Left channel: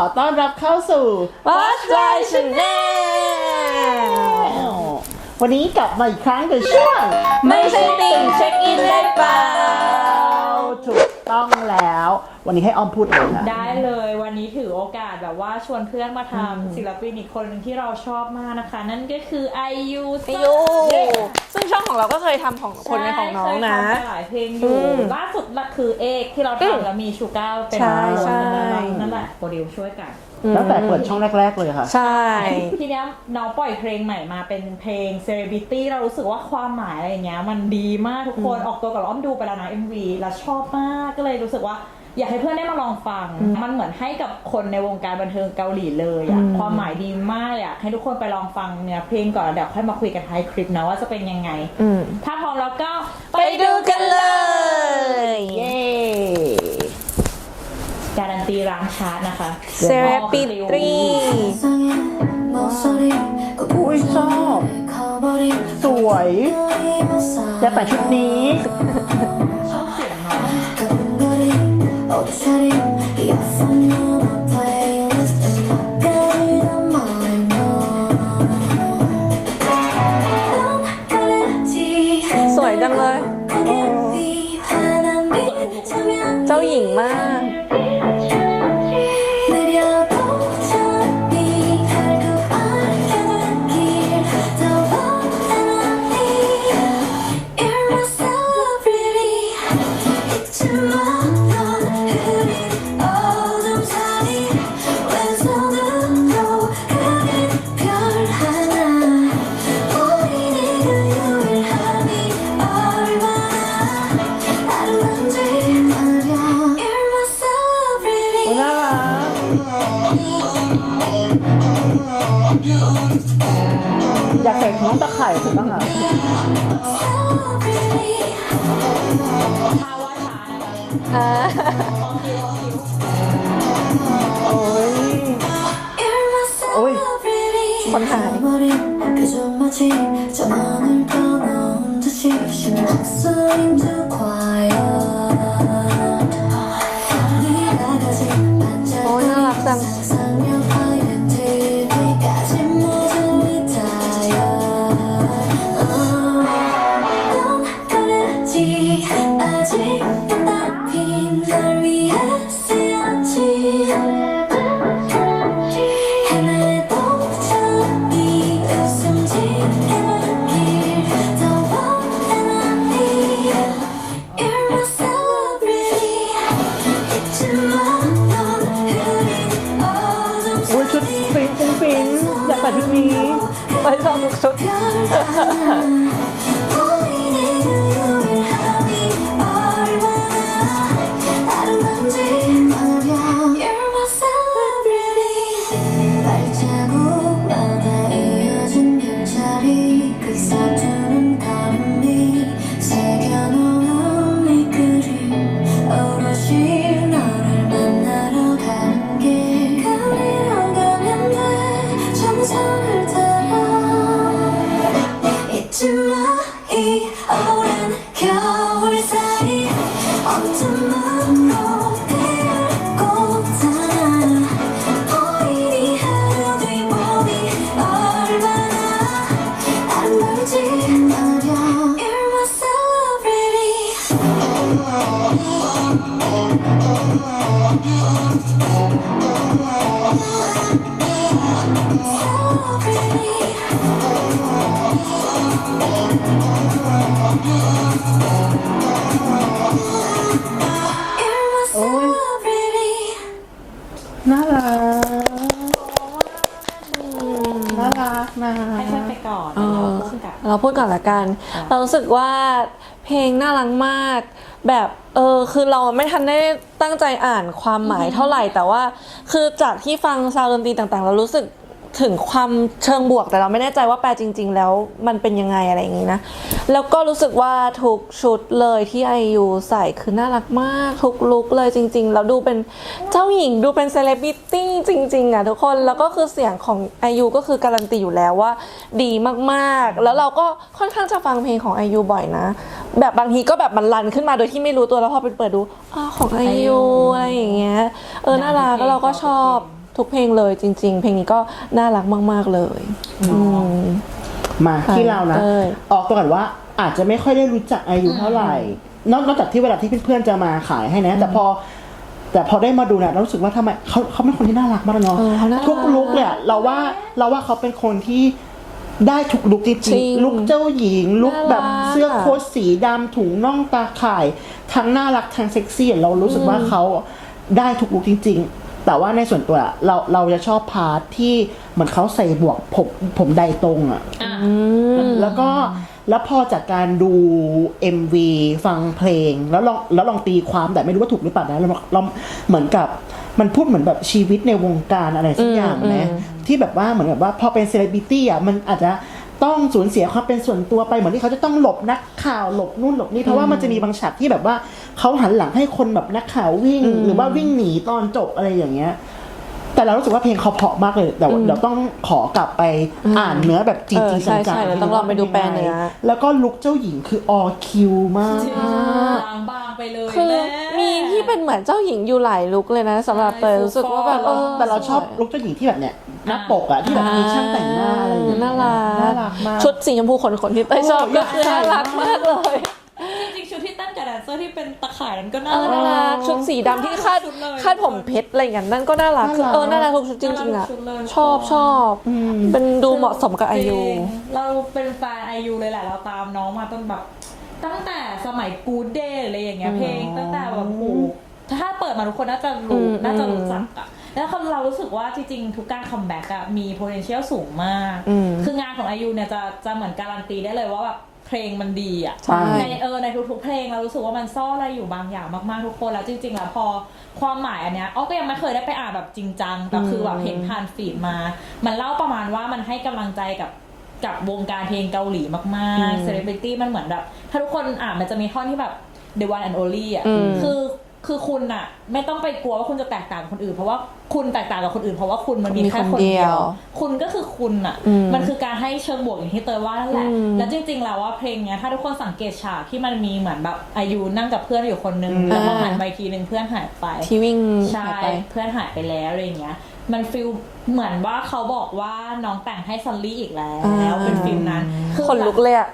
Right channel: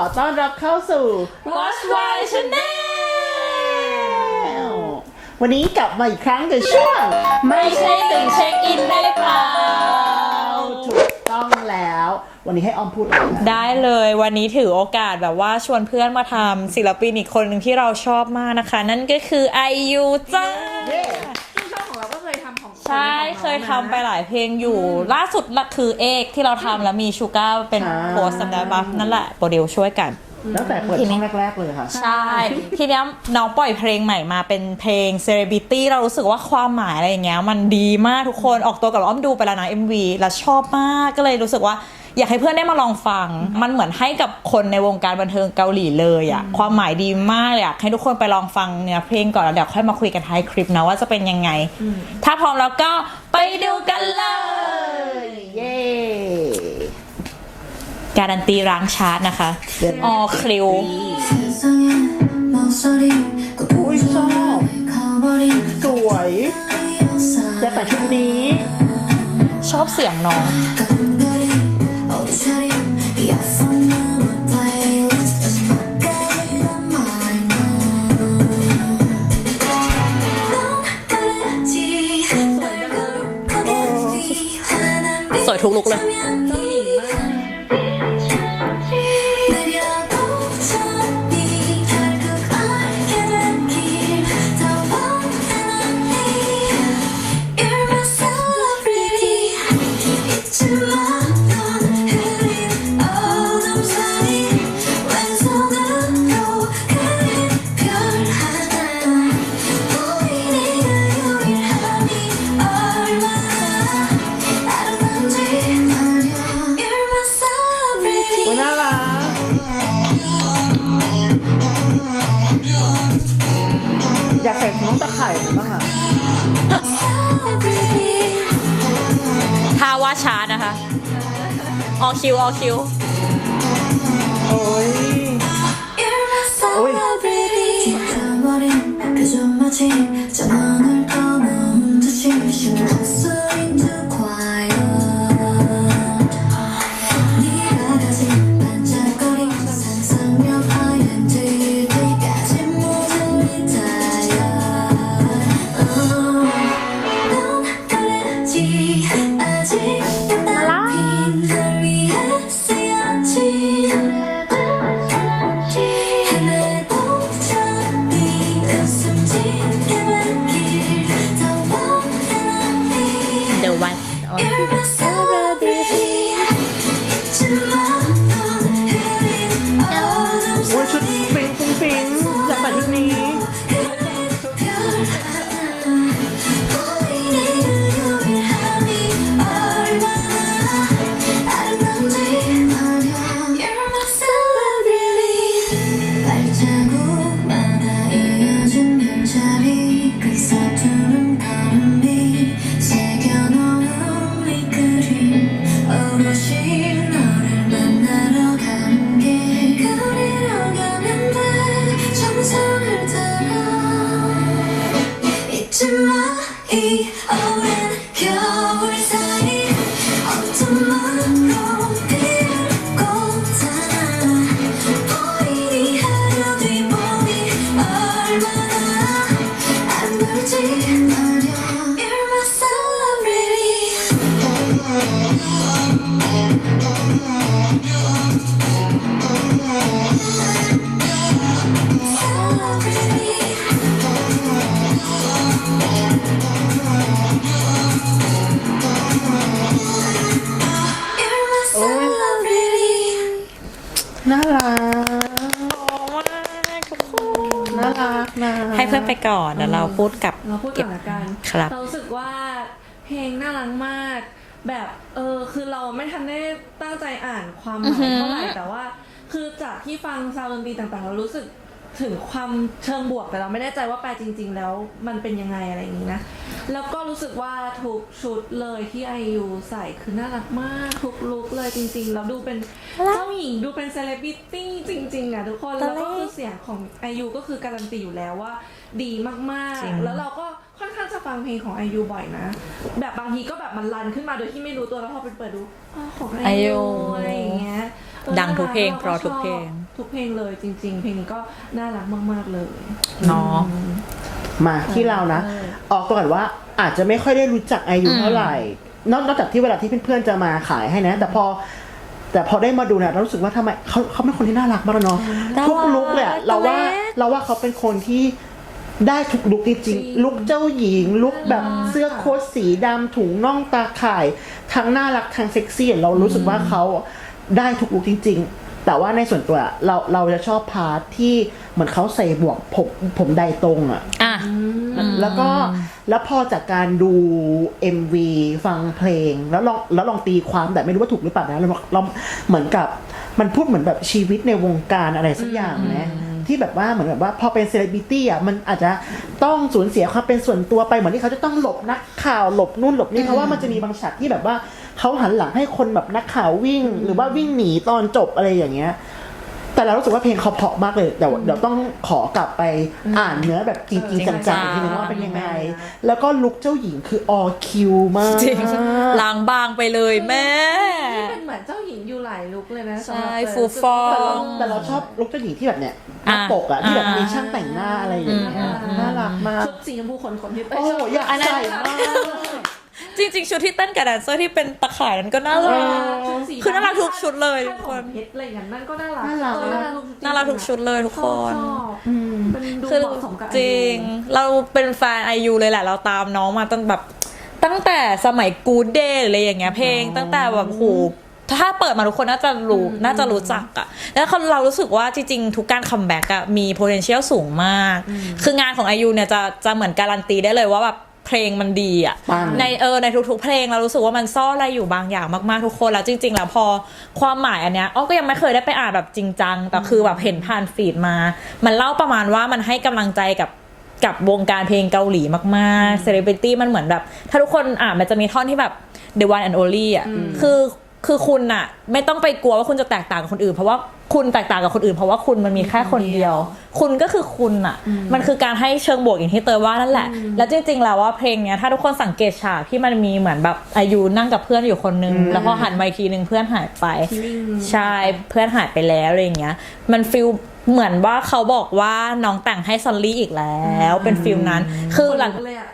ขอต้อนรับเข้าสู่ Watch My Channel วันนี้กลับมาอีกครั้งกับช่วง ไม่ใช่ติ่งเช็คอินได้เปล่าถูก ต้องแล้ว วันนี้ให้อ้อมพูดเลยนะได้เลยวันนี้ถือโอกาสแบบว่าชวนเพื่อนมาทำศิลปินอีกคนหนึ่งที่เราชอบมากนะคะ นั่นก็คือไอยูจ้าเย้ซึ่งช่องของเราก็เคยทำของคนใช่ในของน้อเคงยนะ ทำไปหลายเพลงอยู่ อืมล่าสุดละคือเอกที่เราทำแล้วมีชูก้าเป็นใช่โรสแตนบัมนั่นแหละโปรดิวช่วยกัน ตั้งแต่เปิดช่องแรก ๆ เลยค่ะ ใช่ ทีเนี้ยน้องปล่อยเพลงใหม่มาเป็นเพลง Celebrity เรารู้สึกว่าความหมายอะไรอย่างเงี้ยมันดีมากทุกคนออกตัวกับอ้อมดูไปแล้วนะ MV แล้วชอบมากก็เลยรู้สึกว่าอยากให้เพื่อนได้มาลองฟัง มันเหมือนให้กับคนในวงการบันเทิงเกาหลีเลยอะความหมายดีมากเลยอยากให้ทุกคนไปลองฟังเนื้อเพลงก่อนแล้วเดี๋ยวค่อยมาคุยกันท้ายคลิปนะว่าจะเป็นยังไงอืมถ้าพร้อมแล้วก็ไปดูกันเลย เย้ การันตีร้างชาร์ตนะคะเดี๋ยวออคลิวอุ้ยชอบสวยจะแต่ชุดนี้ ชอบเสียงน้อง อยากใส่น้องตะไคร่ไหมบ้างอะท่าว่าช้านะคะ ออคิวออคิว โอ้ย 잊지 마 이 오랜 겨울 사이 어둠으로 피를 꽂아 보이니 하루 뒤 봄이 얼마나 아름다울지 말야 You're my celebrity รัก น่ารักนะให้เพื่อนไปก่อนแล้วเราพูดกับ เราพูดก่อนละกัน ครับ เรารู้สึกว่าเพลงน่ารักมาก แบบเออคือเราไม่ทันได้ตั้งใจอ่านความหมายเท่าไหร่แต่ว่า คือจากที่ฟังซาวด์ดนตรีต่างๆ เรารู้สึก ถึงความเชิงบวกแต่เราไม่แน่ใจว่าแปลจริง ๆ แล้วมันเป็นยังไงอะไรอย่างนี้นะ แล้วก็รู้สึกว่าทุกชุดเลยที่ไอยูใส่คือน่ารักมาก ทุกลุคเลยจริง ๆ แล้วดูเป็นเจ้าหญิงดูเป็นเซเลบริตี้จริง ๆ อะทุกคนแล้วก็คือเสียงของไอยูก็คือการันตีอยู่แล้วว่า ดีมากๆ แล้วเราก็ค่อนข้างจะฟังเพลงของไอยูบ่อยนะ แบบบางทีก็แบบมันรันขึ้นมาโดยที่ไม่รู้ตัวแล้วพอไปเปิดดูอ้าวของไอยูอะไรอย่างเงี้ยเออน่ารักเพลงแล้วเราก็ชอบ ทุกเพลงเลยจริง ๆ เพลงนี้ก็น่ารักมาก ๆ เลยเนาะ อืม มาที่เรานะ เออ ออกตัวก่อนว่าอาจจะไม่ค่อยได้รู้จักอายุเท่าไหร่ นอกนอกจากที่เวลาที่เพื่อนๆจะมาขายให้นะ แต่พอ แต่พอได้มาดูเนี่ยเรารู้สึกว่าทำไมเขาเขาเป็นคนที่น่ารักมากเนาะเออเขาน่ารักทุกลุกเลยอะเราว่าเราว่าเขาเป็นคนที่ได้ทุกลุกจจริริงงๆลุกเจ้าหญิง ลุกแบบน่ารัก เสื้อโค้ทสีดำถุงน่องตาข่าย ทั้งน่ารักทั้งเซ็กซี่เรารู้สึกว่าเขาได้ทุกลุกจริง ๆ แต่ว่าในส่วนตัวอะเราเราจะชอบพาร์ทที่เหมือนเขาใส่บวกผมผมใดตรงอะอะ แล้วก็แล้วพอจากการดู MV ฟังเพลง แล้วลองแล้วลองตีความแต่ไม่รู้ว่าถูกหรือเปล่านะเราเราเหมือนกับมันพูดเหมือนแบบชีวิตในวงการอะไรสักอย่างนะที่แบบว่าเหมือนแบบว่าพอเป็นเซเลบริตี้อะมันอาจจะต้องสูญเสียความเป็นส่วนตัวไปเหมือนที่เขาจะต้องหลบนักข่าวหลบนู่นหลบนี่เพราะว่ามันจะมีบางฉากที่แบบว่า เขาหันหลังให้คนแบบนักข่าววิ่ง หรือว่าวิ่งหนีตอนจบอะไรอย่างเงี้ย แต่เรารู้สึกว่าเพลงเขาเพราะมากเลยเดี๋ยวเดี๋ยวต้องขอกลับไปอ่านเนื้อแบบจริงเออๆใช่จังใช่ๆทีนึงว่าเป็นยังต้องลองไปดูแปลไงเนื้อแล้วก็ลุกเจ้าหญิงคือออคิวมากจริงล้างบางไปเลยแม่มีที่เป็นเหมือนเจ้าหญิงอยู่หลายลุกเลยนะสำหรับใช่เตยรู้สึกว่าฟูแบแต่บเราออแต่เราชอบลุกเจ้าหญิงที่แบบเนี้ยหน้าอะปกอะที่แบบอ่ามีมีช่างแต่งหน้าอะไรอย่างเงี้ยน่ารักน่ารักมากชุดสีชมพูขนๆที่เตยชอบโอ้อยากใส่น่รัมากเลย จริงๆ ชุดที่เต้นกับแดนเซอร์ที่เป็นตะข่ายนั้นก็น่าเอรัอกชุดสีคือน่ารักดำทุกคาดชุดเลยคาดผมเพชรอะไรอย่างนั้นนั่นก็น่ารักน่ารัก เออน่ารักทุกชุดจริงน่ารักๆทุกอะชุดเลยทุกชอบคน ชอบเป็นดูเหมาะสมกับอาจยุ ริงเราเป็นแฟนไอยูเลยแหละ เราตามน้องมาตั้งแบบตั้งแต่สมัยกูเดย์อะไรอย่างเงี้ยเพลง ตั้งแต่แบบโหถ้าเปิดมาทุกคนน่าจะรู้อืม น่าจะรู้จักอะแล้วเรารู้สึกว่าจริงๆ ทุกการคัมแบ็กอะมี potential สูงมากอืมคืองานของไอยูเนี่ยจะจะเหมือนการันตีได้เลยว่าแบบ เพลงมันดีอะปังในเออในทุกๆ เพลงเรารู้สึกว่ามันซ่อนอะไรอยู่บางอย่างมากๆทุกคนแล้วจริง ๆ แล้วพอความหมายอันเนี้ยอ้อก็ยังไม่เคยได้ไปอ่านแบบจริงจังแต่คือแบบเห็นผ่านฟีดมา มันเล่าประมาณว่ามันให้กำลังใจกับกับวงการเพลงเกาหลีมากๆเซเลบริตี้มันเหมือนแบบ ถ้าทุกคนอ่านมันจะมีท่อนที่แบบ the one and only อะอืมคือ คือคุณอะไม่ต้องไปกลัวว่าคุณจะแตกต่างกับคนอื่น เพราะว่าคุณแตกต่างกับคนอื่น เพราะว่าคุณมันมีแค่คนเดียว คุณก็คือคุณอะอืมมันคือการให้เชิงบวกอย่างที่เตยว่านั่นแหละอืมแล้วจริงๆแล้วว่าเพลงเนี้ยถ้าทุกคนสังเกตฉากที่มันมีเหมือนแบบอายุนั่งกับเพื่อนอยู่คนนึงอืมแล้วพอหันไปทีนึงเพื่อนหายไปที่วิ่งใช่หายไปเพื่อนหายไปแล้วอะไรอย่างเงี้ย มันฟิลเหมือนว่าเขาบอกว่าน้องแต่งให้ซอลลี่อีกแล้วอ่าเป็นฟิลนั้นคือคนหลัลุงกเลยอะ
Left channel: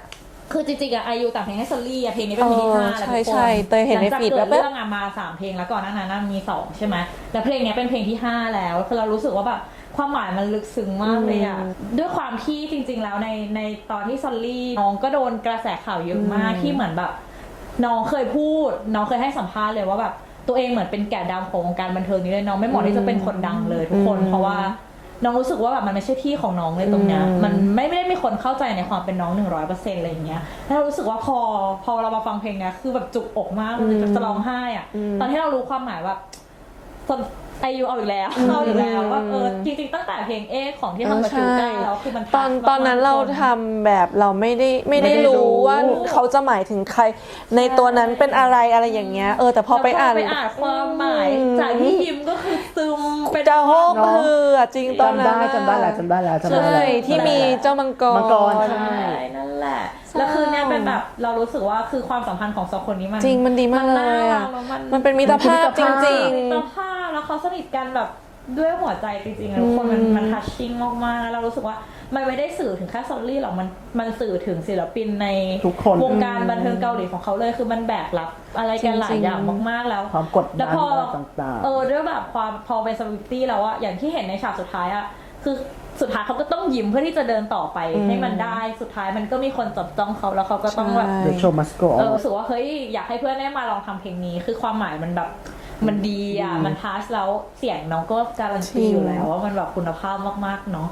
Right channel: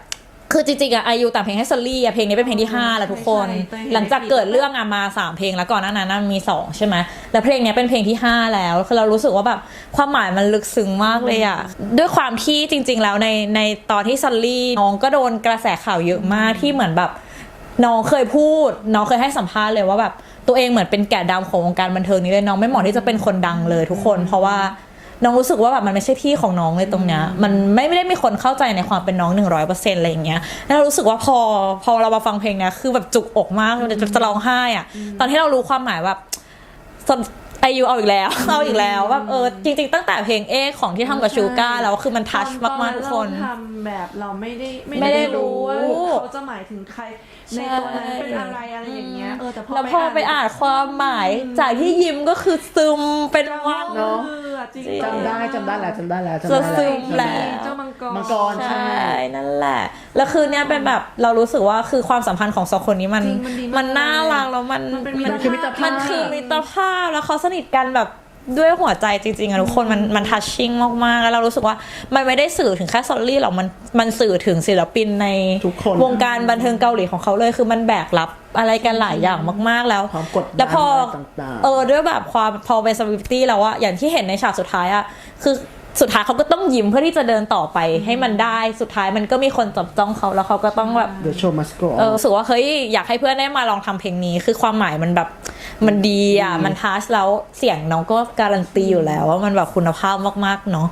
คือจริงๆอะอายุแต่งเพลงให้ซอลลี่อะเพลงนี้เป็นเพลงที่อ๋อห้าแล้วทุกคใช่นใช่เตยเห็นหลังจากในฟีดเกิดแล้วเรื่องอะมาสามเพลงแล้วก่อนหน้านั้นนะมีสองใช่ไหมแล้วเพลงเนี้ยเป็นเพลงที่ห้าแล้วคือเรารู้สึกว่าแบบความหมายมันลึกซึ้งมากเลยอะด้วยความที่จริง ๆ แล้วในในตอนที่ซอลลี่น้องก็โดนกระแสข่าวเยอะมากที่เหมือนแบบ น้องเคยพูด น้องเคยให้สัมภาษณ์เลยว่าแบบตัวเองเหมือนเป็นแกะดำของวงการบันเทิงนี้เลยน้องไม่เหมาะที่จะเป็นคนดังเลยทุกคน เพราะว่า น้องรู้สึกว่าแบบมันไม่ใช่ที่ของน้องเลยตรงเนี้ยมันไม่ไม่ได้มีคนเข้าใจในความเป็นน้องหนึ่งร้อยเปอร์เซ็นต์อะไรอย่างเงี้ยแล้วเรารู้สึกว่าพอพอเรามาฟังเพลงเนี้ยคือแบบจุกอกมากเลยจะจะร้องไห้อะตอนที่เรารู้ความหมายแบบ อายุเอาอีกแล้วเอาอีกแล้วว่าเออจริง ๆ ตั้งแต่เพลงเอกของที่ทำกับใช่ชูการแล้วคือมันตทัอชนมากตอนๆนั้นทุกเราคนทำแบบเราไม่ได้ไม่ไม่ได้ได้รู้รู้ว่าเขาจะหมายถึงใคร ในตัวนั้นเป็นอะไรอะไรอย่างเงี้ยเออแต่พอแล้วไปอ่านไปอ่านความหมายอืมจากที่ยิ้มก็คือซึมเป็นเจ้าว่าเนอะมืออะจริงตอนนั้นจำได้จำได้แล้วจำได้แล้วจำได้ใช่แล้วที่มีเจ้ามังกรมังกรใช่นั่นแหละแล้วคือเนี่ยเป็นแบบเรารู้สึกว่าคือความสัมพันธ์ของสองคนนี้มันจริงมันดีมากมันน่ารักแล้วมันมันเป็นมิตรมันคือมิตรภาภาพพจริงมิตรภาพแล้วเขาสนิทกันแบบด้วยหัวใจจริงๆอะทุกคนมันมันทัชชิ่งมากๆ แล้วเรารู้สึกว่ามันไม่ได้สื่อถึงแค่ซอลลี่หรอกมันมันสื่อถึงศิลปินในทุกคนวงการบันเทิงเกาหลีของเขาเลยคือมันแบกรับอะไรกันหลายอย่างมากๆแล้วความกดดันแล้วพออะไรต่างๆเออด้วยแบบความพอเป็นซ e ลิตี้แล้วอะอย่างที่เห็นในฉากสุดท้ายอะคือ สุดท้ายเขาก็ต้องยิ้มเพื่อที่จะเดินต่อไปให้มันได้สุดท้ายมันก็มีคนจับจ้องเขาแล้วเขาก็ต้องแบบใช่ The show must go เออ on รู้สึกว่าเฮ้ยอยากให้เพื่อนได้มาลองทำเพลงนี้ คือความหมายมันแบบมันดีอะอืมมันทัชแล้วเสียงน้องก็การันตีอยู่แล้วว่ามันแบบคุณภาพมากๆเนาะ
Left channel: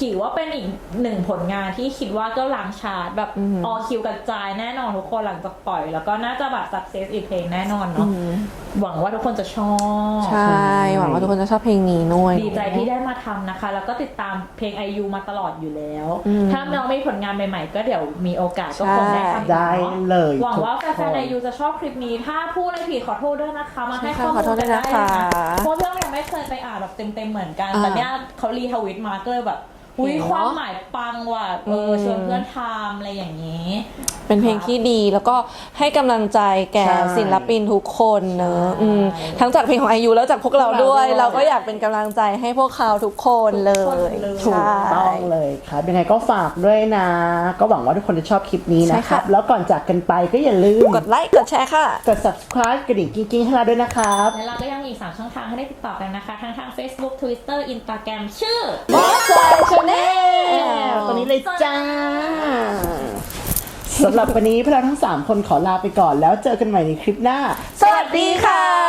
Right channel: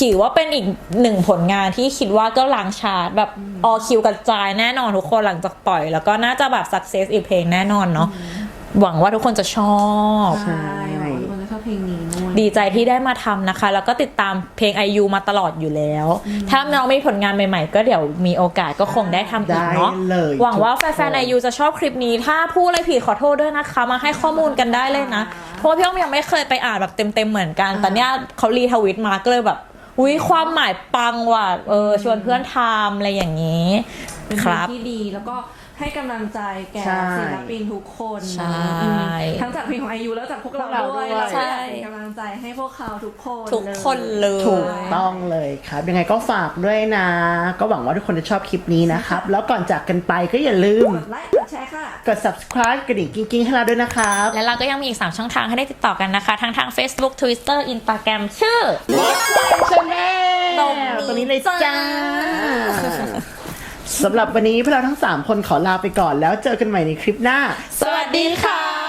ถือว่าเป็นอีกหนึ่งผลงานที่คิดว่าก็ล้างชาร์ตแบบออคิวกระจายแน่นอนทุกคนหลังจากปล่อย แล้วก็น่าจะแบบสักเซสอีกเพลงแน่นอนเนาะ หวังว่าทุกคนจะชอบ ใช่หวังว่าทุกคนจะชอบเพลงนี้ด้วยดีใจที่ได้มาทำนะคะ แล้วก็ติดตามเพลง IU มาตลอดอยู่แล้ว ถ้าน้องมีผลงานใหม่ๆ ก็เดี๋ยวมีโอกาสก็คงได้ทำอีกได้เนาะเลยหวังว่าทุกคนแฟนๆ IU จะชอบคลิปนี้ ถ้าพูดอะไรผิดขอโทษด้วยนะคะ มาให้ข้อมูลกันได้เลยนะขอโทษนะคะเพราะพี่อ้อมยังไม่เคยไปอ่านแบบเต็มๆ เหมือนกัน อ่า แต่เนี้ยเขารีทวิตมาก็เลยแบบ อุ้ยความหมายปังว่ะ เออ ชวนเพื่อนทำอะไรอย่างนี้ เป็นเพลงครับที่ดีแล้วก็ให้กำลังใจแก่ใช่ศิลปินทุกคนนะใช่อืมทั้งจากเพลงของไอยูแล้วจากพวกเราพวกเราด้วย ด้วย เราก็อยากเป็นกำลังใจให้พวกเขาทุกคนทุกเลยคนเลย ถูกต้องเลยครับ ยังไงก็ฝากด้วยนะ ก็หวังว่าทุกคนจะชอบคลิปนี้นะครับ แล้วก่อนจากกันไปก็อย่าลืม กดไลค์กดแชร์ค่ะ กด subscribe กระดิ่งกิ้งๆให้เราด้วยนะครับ และเราก็ยังมีอีก 3 ช่องทางให้ได้ติดต่อกันนะคะ ทั้งทาง Facebook Twitter Instagram ชื่อชาแนลตรงนี้เลยจ้า สำหรับวันนี้พวกเราทั้ง 3 คนขอลาไปก่อนแล้วเจอกันใหม่ในคลิปหน้า สวัสดีค่ะ